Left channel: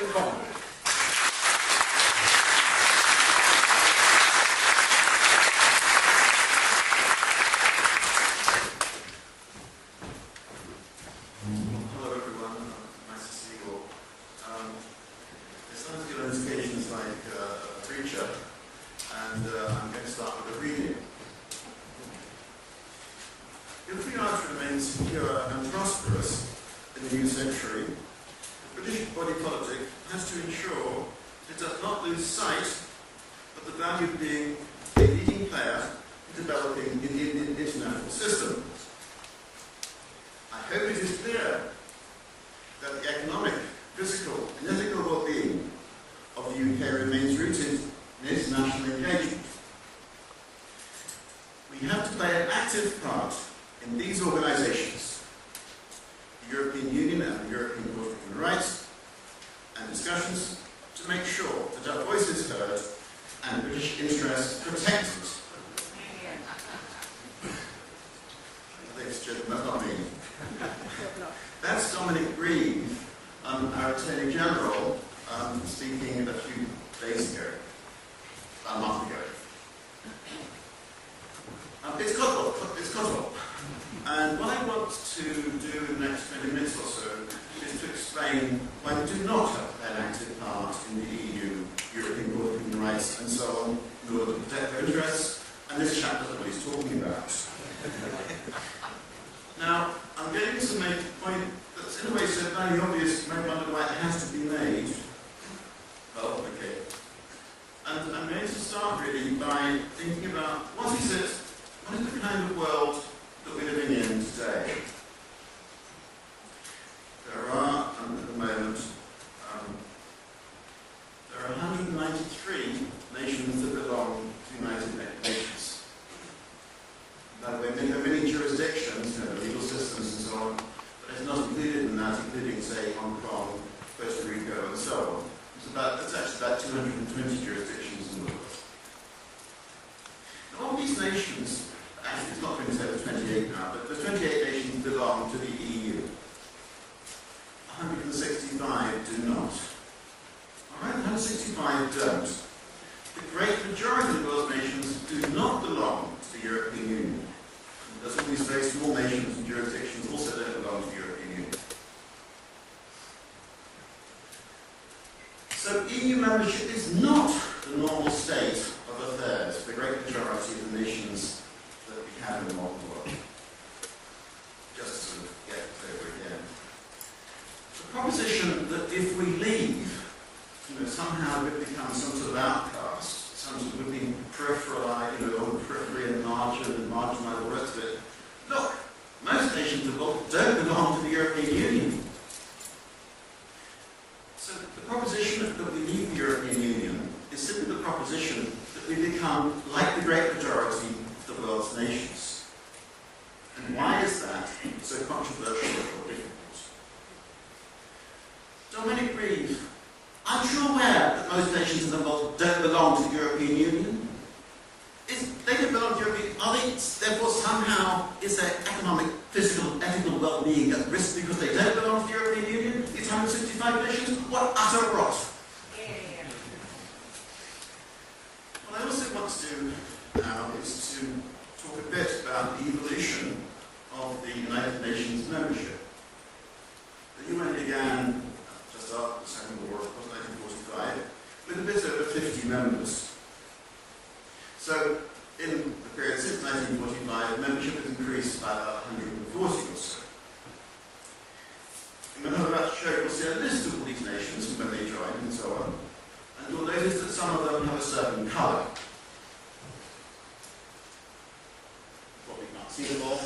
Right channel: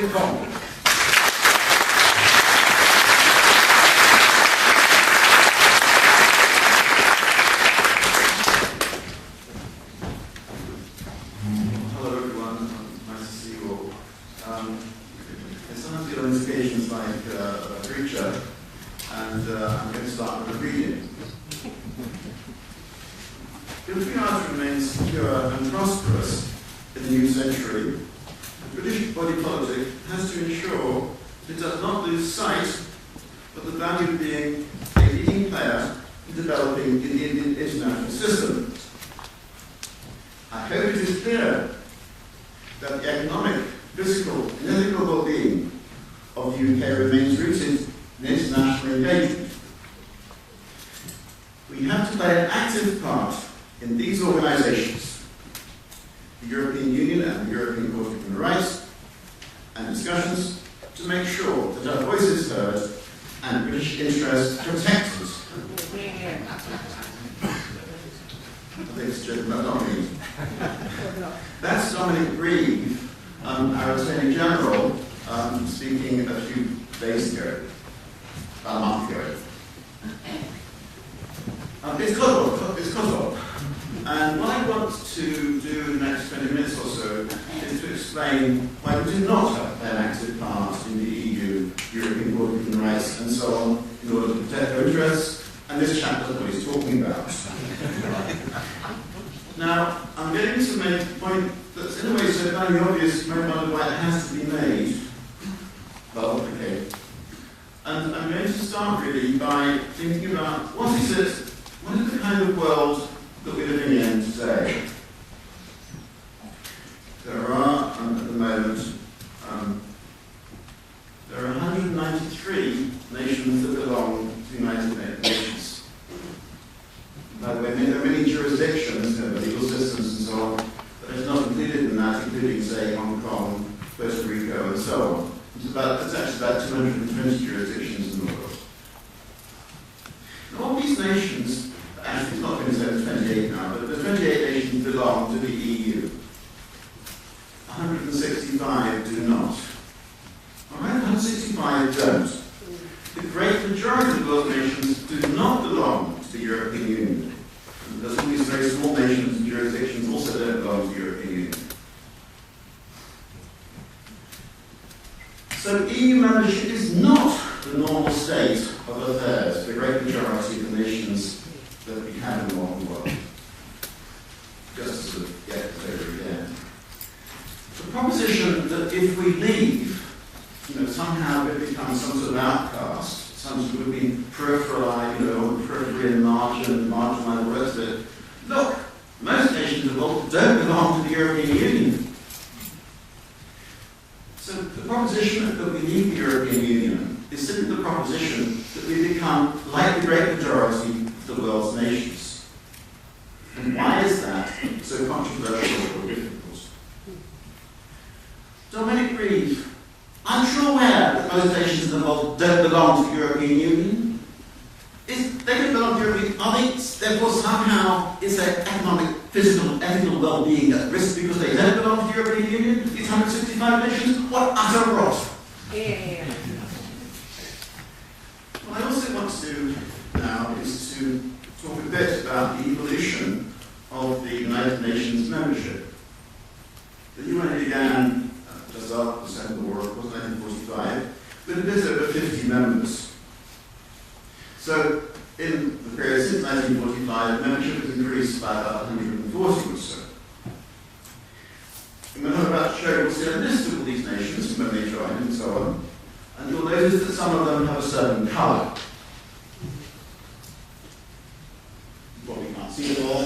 Congdon. Hello everyone, nice to see you all. There's sometimes good on these occasions like a preacher, and I'm going to start with a reading. If we are to remain secure and prosperous in the new century, the British body politic has to ensure that it does not lose sight of the value of being a leading player in developing in the international system. I hope it is clear that the economic, physical, and ethical well-being of the UK remains rooted in international engagement. We have to play an active part in these organisations, the European Union and the European Court of Human Rights, and discussions to make sure that our voice is heard and British interests protected. Ladies and gentlemen, that's not me. That's Dominic Grieve, our Attorney General, speaking a few days ago, about a month ago. It's Congdon. And what I want to do in the next 20 minutes or so is to explain why we do not have an active part in the EU, European Court of Human Rights, and so on, in order to protect their interests, and this chap doesn't know what he's talking about. Now, I'm getting to make a point that's in a way so fairly obvious, you might wonder why it has to be made. Well, okay. And I'm going to start really by thinking about what is the kind of world that we're living in today. There are, at the moment, there are 193 nations that belong to the United Nations. By the way, there are many jurisdictions, the legal systems and so on, but it's not included in that, including, say, Hong Kong, Puerto Rico, and so on. It's actually about 220 jurisdictions in the world. Now, all these nations, actually it's not 27, it's 28 now, but the 28 nations belong to the EU. 165 do not. All right, 165 don't. The great majority of those nations do not belong to the European Union. There's all these very small nations and jurisdictions also don't belong to the European Union. So EU membership is not the normal state of affairs for the great majority of the nations that we have in the modern world. Just to sort of get this over again. The proposition that if we leave, somehow it becomes some sort of outcast, some sort of being peripheralized, on the periphery and marginalized, the rest of it. Look, most nations of the world don't belong to the European Union. So the proposition that we leave the European Union is simply the proposition that we become like the great majority of the world's nations. And why is that so controversial or difficult? Dominic Grieve, aren't you aware that most nations in the world don't belong to the European Union? They don't belong to the European Union. Are they, therefore, somehow, is their economic, physical, ethical well-being at risk because they don't belong to the European Union? These 165 nations? What utter rot! What I also want to do now is to talk a bit about the evolution of the United Nations membership. The UN began just after the Second World War, of course, 1945, with a bit over 50 members. So, in the period since 1945, membership has increased by about 140 or so. And when I'm about to show you, you'll see a list of all these nations and when they joined and so on. And you'll notice that some of them have a certain colour. What we can't see them all,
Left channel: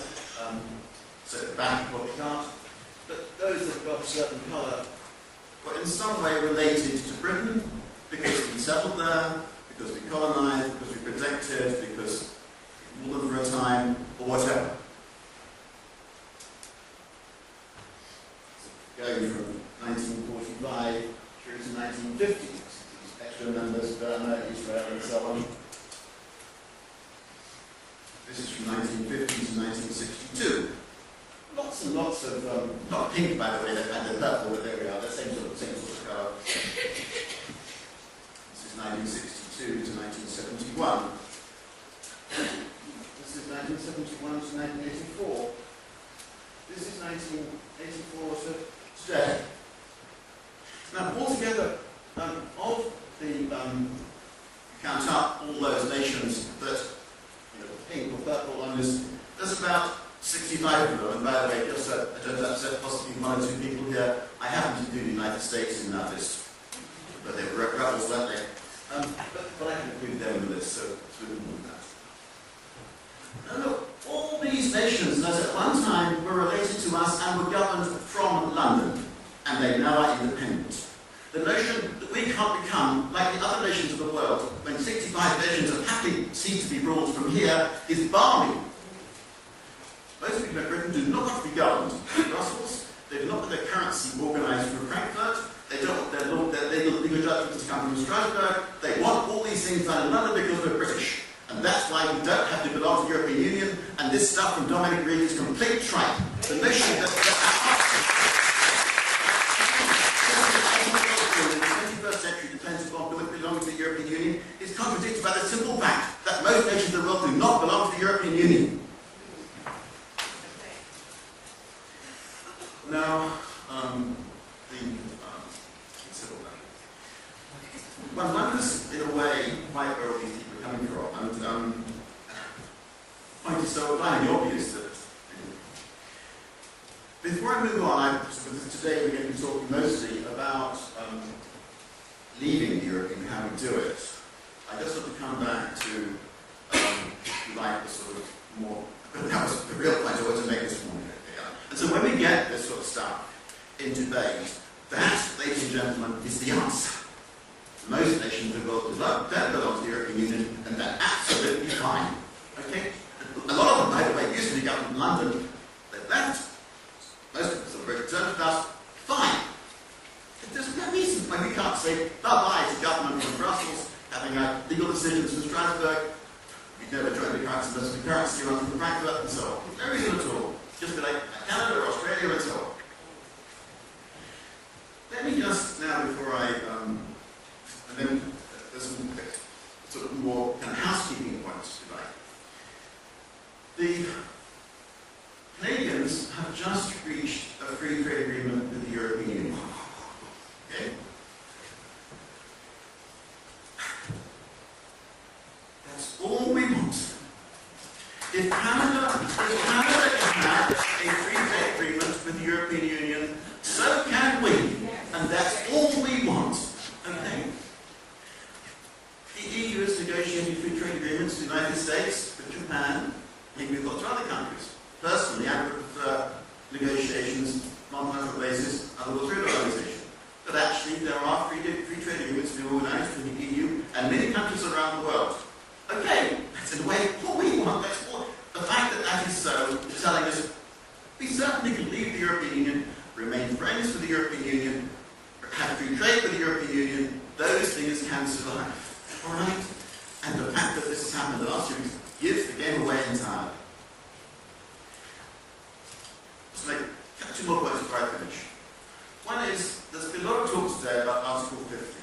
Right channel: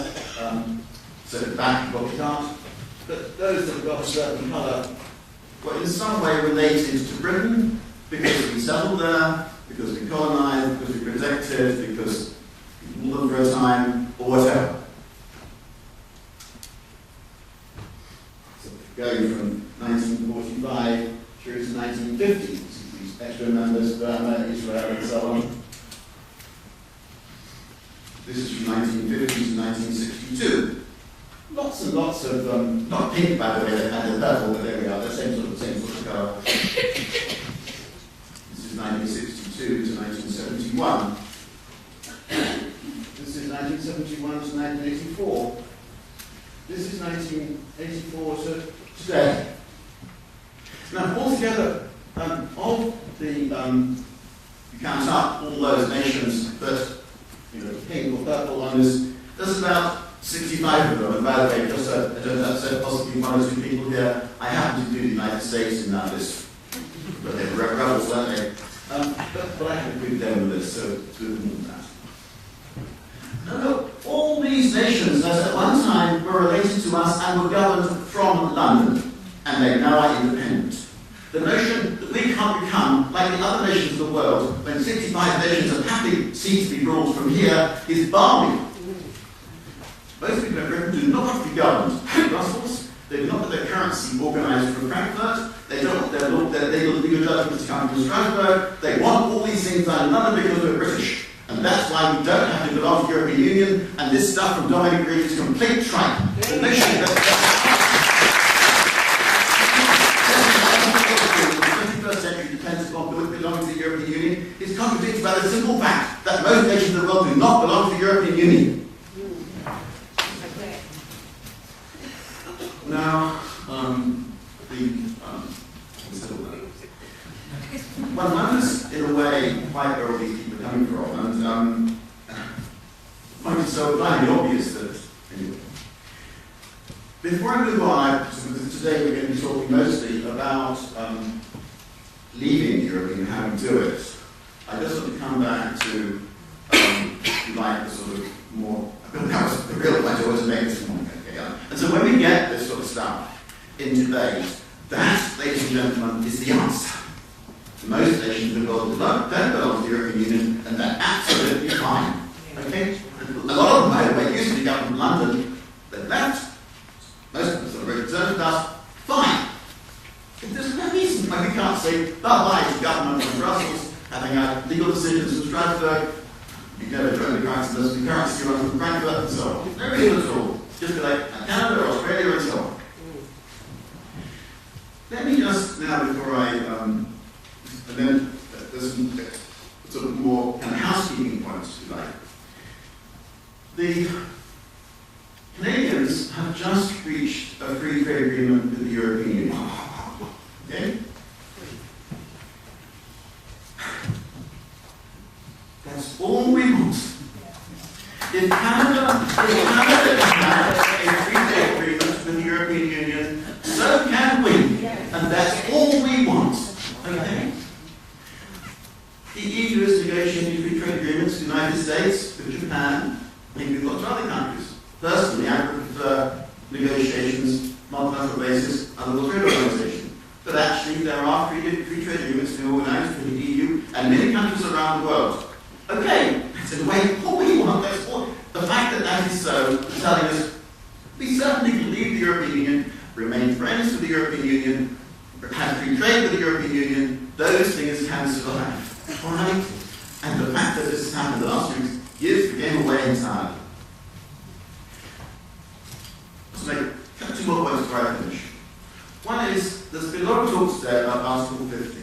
set it back, what we can't. But those that have got a certain colour were in some way related to Britain because we settled there, because we colonised, because we protected, because we ruled them for a time, or whatever. So going from 1945 through to 1950, these extra members, Burma, Israel, and so on. This is from 1950 to 1962. Lots lots and lots of, not pink by the way, they had the purple, but there we are, the same sort of colour. This is 1962 to 1971. This is 1971 to 1984. This is 1984 to today. Now, altogether, of the, you count up all those nations that, pink or purple on this, there's about 65 of them. And by the way, just so I don't upset possibly one or two people here, I happen to do the United States in that list. But they were rebels, weren't they? But I haven't included them in the list, so it's with more than that. Now look, all these nations, as at one time, were related to us and were governed from London, and they now are independent. The notion that we can't become like the other nations of the world, when 65 nations have happily ceased to be ruled from here, is balmy. Most people in Britain do not want to be governed in Brussels. They do not want their currency organised from Frankfurt. They don't want their legal judgments to come from Strasbourg. They want all these things done in London because we're British. And that's why we don't have to belong to the European Union, and this stuff from Dominic Green is complete tripe. The notion that the 21st century depends upon belonging to the European Union is contradicted by the simple fact that most nations of the world do not belong to the European Union. Now, one wonders, in a way, quite where all these people are coming from, and the point is so blindly obvious that. Anyway. Before I move on, today we're going to be talking mostly about leaving the European and how we do it. I just want to come back to, if you like, the sort of more. That was the real point I wanted to make this morning. And so when we get this sort of stuff in debate, that, ladies and gentlemen, is the answer. Most nations in the world don't belong to the European Union, and they're absolutely fine. Okay? A lot of them, by the way, used to be governed from London. They've left. Most of them sort of returned with us. Fine. There's no reason why we can't say bye-bye to government from Brussels, having had legal decisions from Strasbourg. We've never joined the currency unless the currency runs from Frankfurt and so on. No reason at all. Just be like Canada or Australia and so on. Let me just now, before I, and then there's some sort of more kind of housekeeping points, if you like. The Canadians have just reached a free trade agreement with the European Union. Okay? That's all we want. If Canada can have a free trade agreement with the European Union, so can we. And that's all we want. Okay? The EU has negotiated free trade agreements with the United States, with Japan, maybe with lots of other countries. Personally, I prefer negotiations on a multilateral basis and the World Trade Organization. But actually, there are free trade agreements being organized with the EU and many countries around the world. Okay, that's in a way all we want. That's all. The fact that that is so is telling us we certainly can leave the European Union, remain friends with the European Union, have free trade with the European Union. Those things can survive. All right? And the fact that this has happened the last few weeks gives the game away entirely. Let's make two more points before I finish. One is, there's been a lot of talk today about Article 50.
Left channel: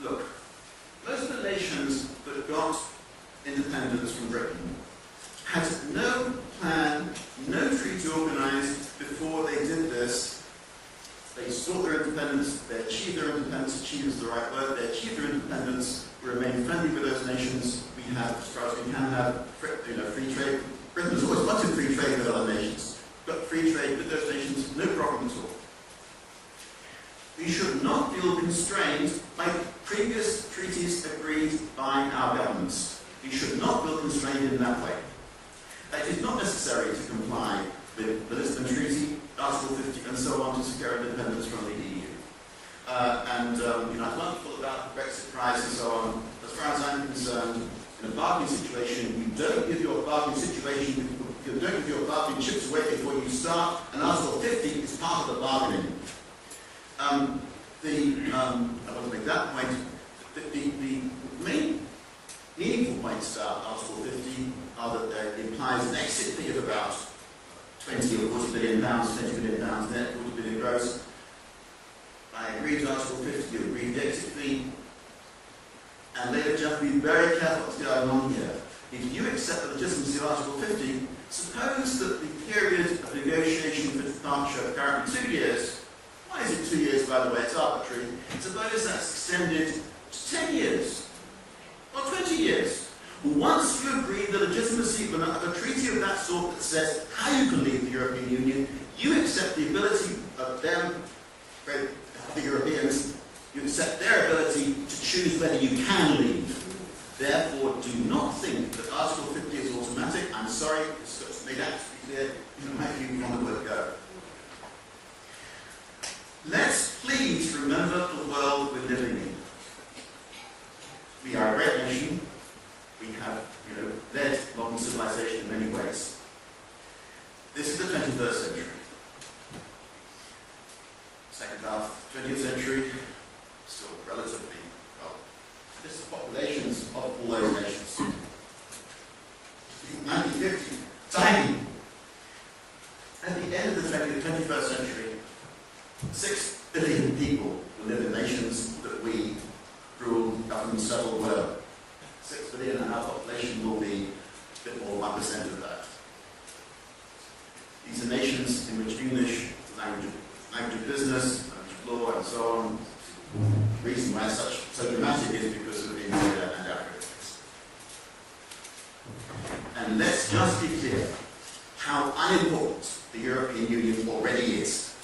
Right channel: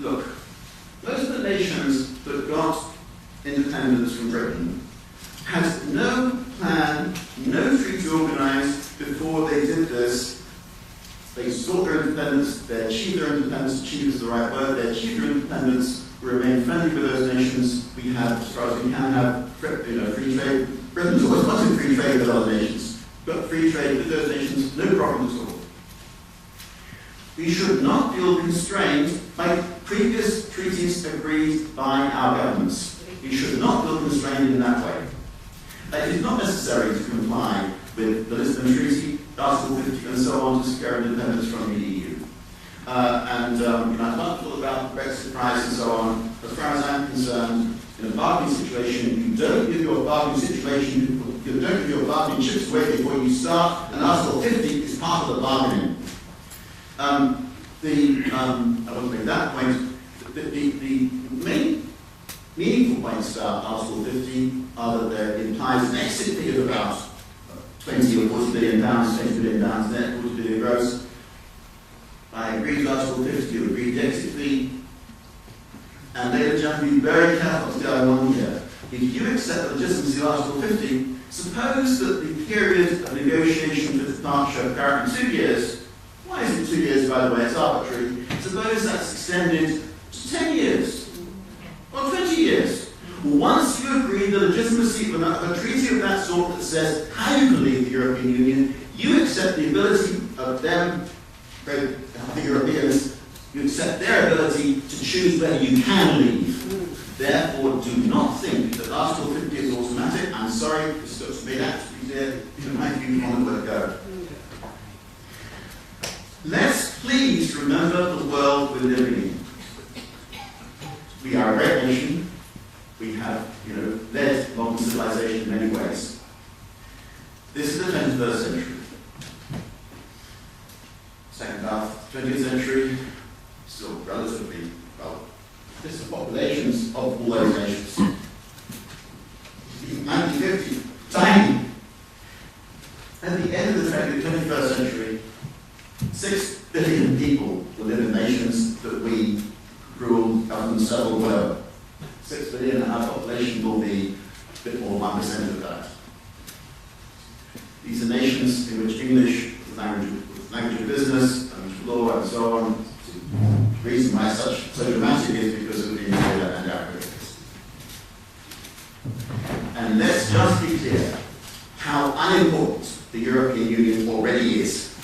Look, most of the nations that got independence from Britain had no plan, no treaty organised before they did this. They sought their independence, they achieved their independence, achieved is the right word, they achieved their independence, we remain friendly with those nations, we have, as far as we can have, free trade. Britain's always wanted free trade with other nations. Got free trade with those nations, no problem at all. We should not feel constrained by previous treaties agreed by our governments. We should not feel constrained in that way. It is not necessary to comply with the Lisbon Treaty, Article 50, and so on to secure independence from the EU. I'm wonderful about the Brexit prize and so on. As far as I'm concerned, in a bargaining situation, you don't give your bargaining chips away before you start, and Article 50 is part of the bargaining. I want to make that point. The main meaningful points about Article 50 are that there implies an exit fee of about 20 or 40 billion pounds, 20 billion pounds net, 40 billion gross. I agree to Article 50, you agree to the exit fee. And ladies and gentlemen, be very careful what's going on here. If you accept the legitimacy of Article 50, suppose that the period of negotiation for departure, currently 2 years, why is it 2 years, by the way, it's arbitrary, suppose that's extended to 10 years, or 20 years. Once you agree the legitimacy of a treaty of that sort that says how you can leave the European Union, you accept the ability of them, the Europeans, you accept their ability to choose whether you can leave. Therefore, do not think that Article 50 is automatic. I'm sorry, this has made absolutely clear. You know, my view on the word go. Let's please remember the world we're living in. We are a great nation. We have, led modern civilization in many ways. This is the 21st century. Second half, 20th century, still relatively, well, this is the populations of all those nations. 1950, tiny. At the end of the 21st century, 6 billion people will live in nations that we rule, govern, settle, whatever. 6 billion, and our population will be a bit more than 1% of that. These are nations in which English, language of business, language of law, and so on. The reason why it's so dramatic is because of India and Africa. And let's just be clear how unimportant the European Union already is.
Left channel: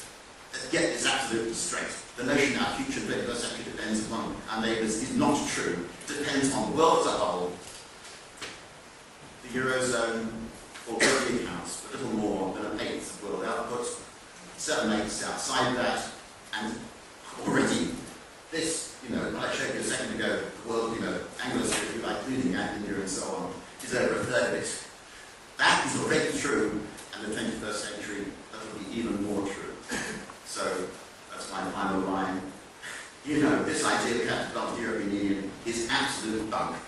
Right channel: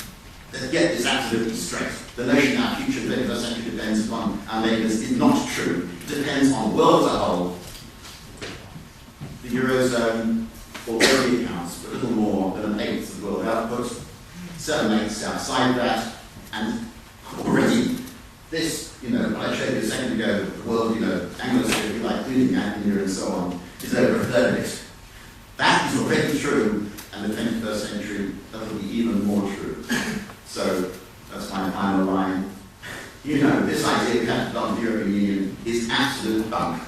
Let's get this absolutely straight. The notion our future 21st century depends upon our neighbours is not true. It depends on the world as a whole. The Eurozone already accounts for a little more than an eighth of world output, 7/8 outside that, and already this, what I showed you a second ago, the world, Anglosphere, if you like, including India and so on, is over a third of it. That is already true, and the 21st century, that will be even more true. So, that's my final line. This idea we have to belong to the European Union is absolute bunk.